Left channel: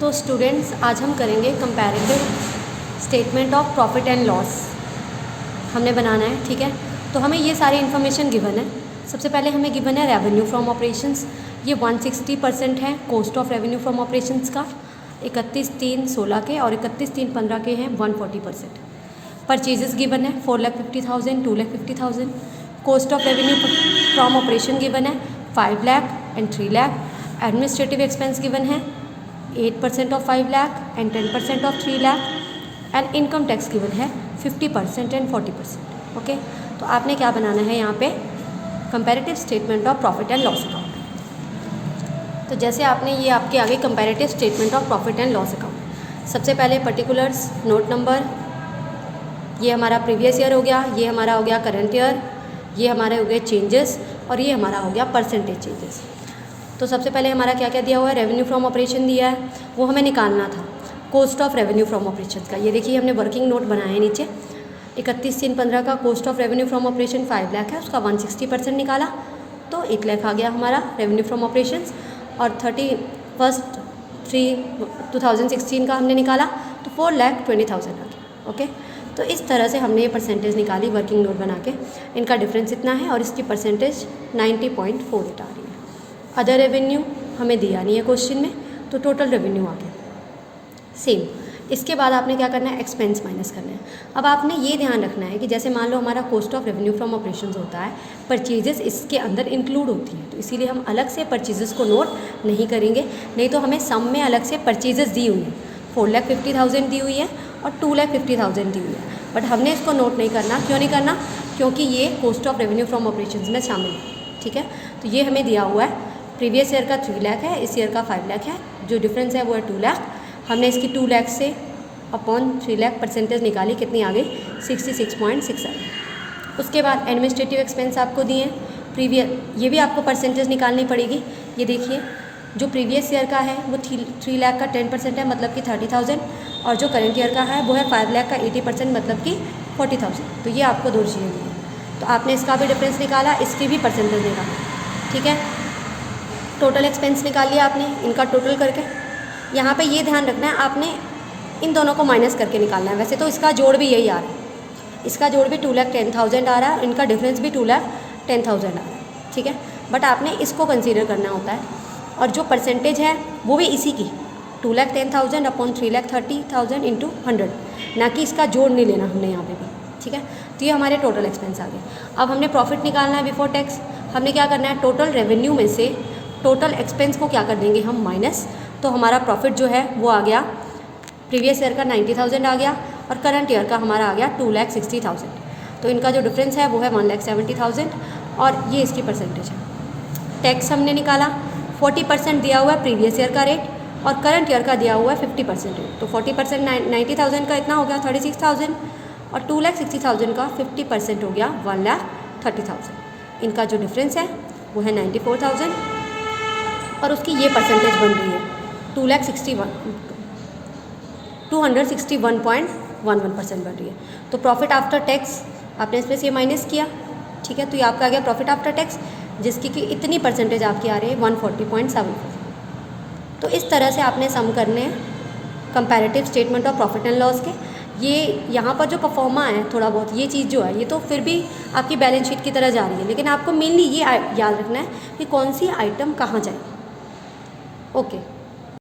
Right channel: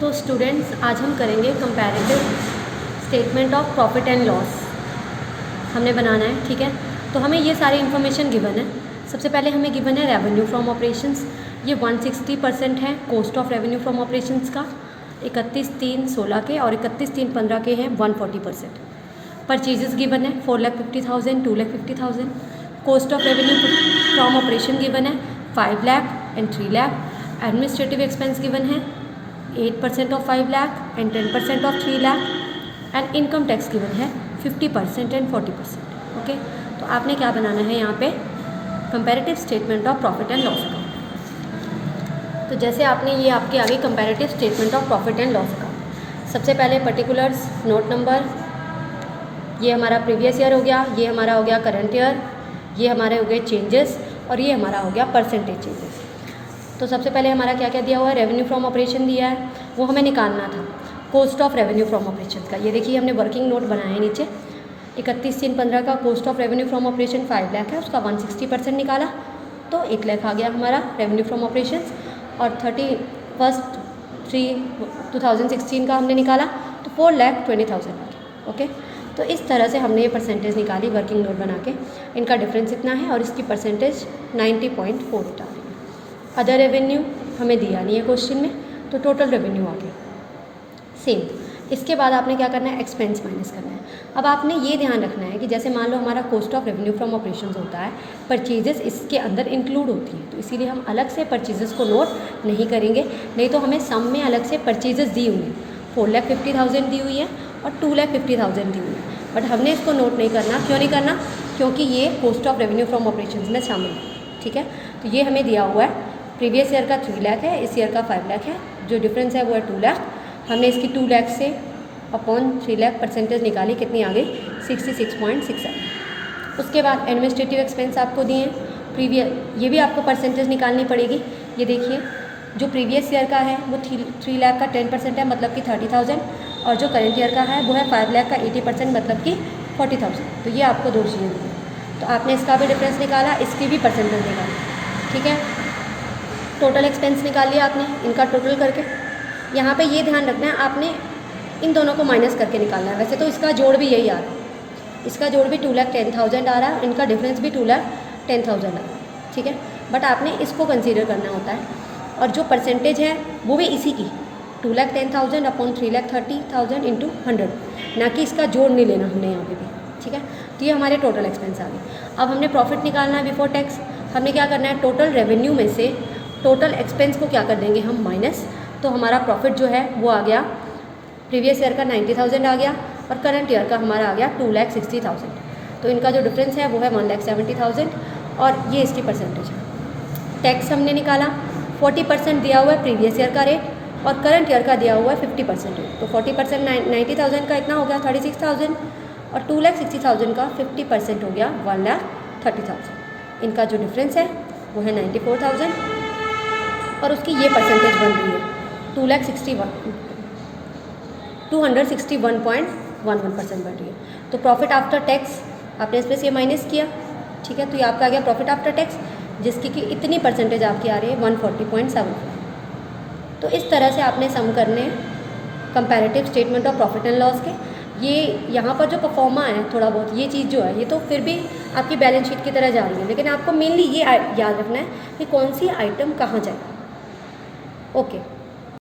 तो स्टूडेंट्स आज हम करेंगे comparative statement of profit and loss हमने बनाना है। ठीक है, तो हमें ये सारी इन्फॉर्मेशन गिवन है। सबसे पहले हमें गिवन है रेवेन्यू फ्रॉम ऑपरेशंस, ये 160% है cost of revenue from operations का, 31/3/16 के और 31/3/15 के हैं 140%। परचेजेस गिवन है 4,50,000, 2,50,000। Cost of revenue from operation given है 5 lakh and 3 lakh. Administrative expense given है 8% of 5 lakh and 10% of 3 lakh. And income tax given है 50% एंड 40%। ओके, तो आपने क्या बनाना है यहाँ पे comparative statement of profit and loss account. तो जैसे आपने ये आपके आगे comparative statement of profit and loss account, सबसे पहले पर्टिकुलर्स, नोट नंबर, ये हमारा प्रीवियस ईयर हो गया, ये हमारा हो गया करंट ईयर, ये हमारे हो गए चेंजेस और ये हमारा हो गया परसेंटेज चेंजेस। तो सबसे पहले हमारा क्या क्या दिया हुआ है, रेवेन्यू फ्रॉम ऑपरेशन दिया है, वो हमें निकालना था। Cost of revenue from operation का ये देखिए हमने वर्किंग नोट बनाया है नीचे। 31/3/15 का cost of revenue from operation 5 lakh है, उसका 160% निकाला तो 1 लाख आ गया हमारा रेवेन्यू फ्रॉम ऑपरेशन। और 31/3/2016 का हमने निकाला तो 4,20,000 हो गया। ओके, तो इस तरह से हमने ये परसेंटेज निकाली वर्किंग नोट बना के। इनका डिफरेंस इतना है और इसकी परसेंटेज 90.48 आ रही है। अदर रेवेन्यू हमें दिया नहीं है क्वेश्चन में, तो टोटल रेवेन्यू आ गया सेम। इसके बाद आपने क्या करना है, एक्सपेंस माइनस करना है। अब आपने ये ध्यान रखना है कि जैसे मान लो हमारा cost of revenue from operations होता है, परचेजेस इसके अंदर इंक्लूड होती हैं, तो इसीलिए हम अलग से परचेजेस को नोट नहीं करेंगे। नहीं तो हमें सम में अलग से परचेजेस दी हुई हैं, 4,50,000 दी हुई है और 2,50,000 दी हुई है, बट हमने इसको नोट नहीं करना। क्यों नहीं करना, क्योंकि ये cost of revenue from operations में शामिल है। ठीक है, तो ये हमें दिया हुआ है, प्रीवियस ईयर का 3 लाख है, इस ईयर का 5 लाख है, जो डिफरेंस है वो है 2 लाख। हमने इसकी 2 लाख से अपॉन 3 लाख परसेंटेज निकाली, कितनी आ गई 66.67। उसके बाद एडमिनिस्ट्रेटिव एक्सपेंस आपको दिए प्रीवियस, ये भी आपको परसेंटेज निकालनी पड़ेगी। ये देखिए जो प्रीवियस ईयर का है वो 3 लाख का 10% है, मतलब कि 30,000, और जो करंट ईयर का है वो है 5 लाख का 80%, मतलब कि 40,000। तो ये आपको दो चीज़ें दी, तो आपने इसका भी डिफरेंस निकाला, इसकी भी परसेंटेज निकाला। ठीक है, टोटल एक्सपेंस निकाल लिया आपने, इनका टोटल करके। यहाँ पे ये ध्यान रखना है आपने इन दोनों को माइनस करके निकालना है। वैसे तो इसका जोड़ भी यही आ रहा है, इसका जोड़ भी 2,10,000 आ रहा है, इनका डिफरेंस भी 2,10,000 आ रहा है। ठीक है, बट आपने इसको कंसीडर करना होता है, और जो परसेंटेज है वो भी इसी की 2,10,000 अपॉन 3,30,000 इंटू 100, ना कि इसका जोड़ नहीं लेना हमने यहाँ पे भी। ठीक है, तो ये हमारे टोटल एक्सपेंस आ गए। अब हमने प्रॉफिट निकालना है बिफोर टैक्स। हमने क्या करना है, टोटल रेवेन्यू में से टोटल एक्सपेंस को क्या कर देंगे हम, माइनस। तो हमारा प्रॉफिट जो है वो आ गया, प्रीवियस ईयर का 90,000 आ गया और करंट ईयर का हमारा आ गया 2,60,000। तो इनका जो डिफरेंस है वो है 1,70,000 और ये इसकी परसेंटेज है। टैक्स हमने निकाला, 40% दिया हुआ है प्रीवियस ईयर का रेट और करंट ईयर का दिया हुआ है 50% रेट। तो 40% 90,000 का इतना हो गया 36,000 और 2,60,000 का 50% हो गया 1,30,000। इनका जो डिफरेंस है वो है 94,000 और उसकी ये परसेंटेज बन रही है 261.11% बन रही है। तो प्रॉफिट आफ्टर टैक्स आपने इसमें से ये माइनस किया। ठीक है, तो ये आपका आ गया प्रॉफिट आफ्टर टैक्स, जिसकी कि इतनी परसेंटेज आपकी आ रही है 140.74। तो इस तरह से आपने सम करने comparative statement of profit and loss के। ये यहाँ पर जो परफॉर्मा है थोड़ा बहुत, ये चीज़ जो है ये तो फिर भी आपकी बैलेंस शीट की तरह जा रही है, लेकिन आपको मेनली ये याद रखना है कि कौन सी आइटम कहाँ जाएगी। ओके।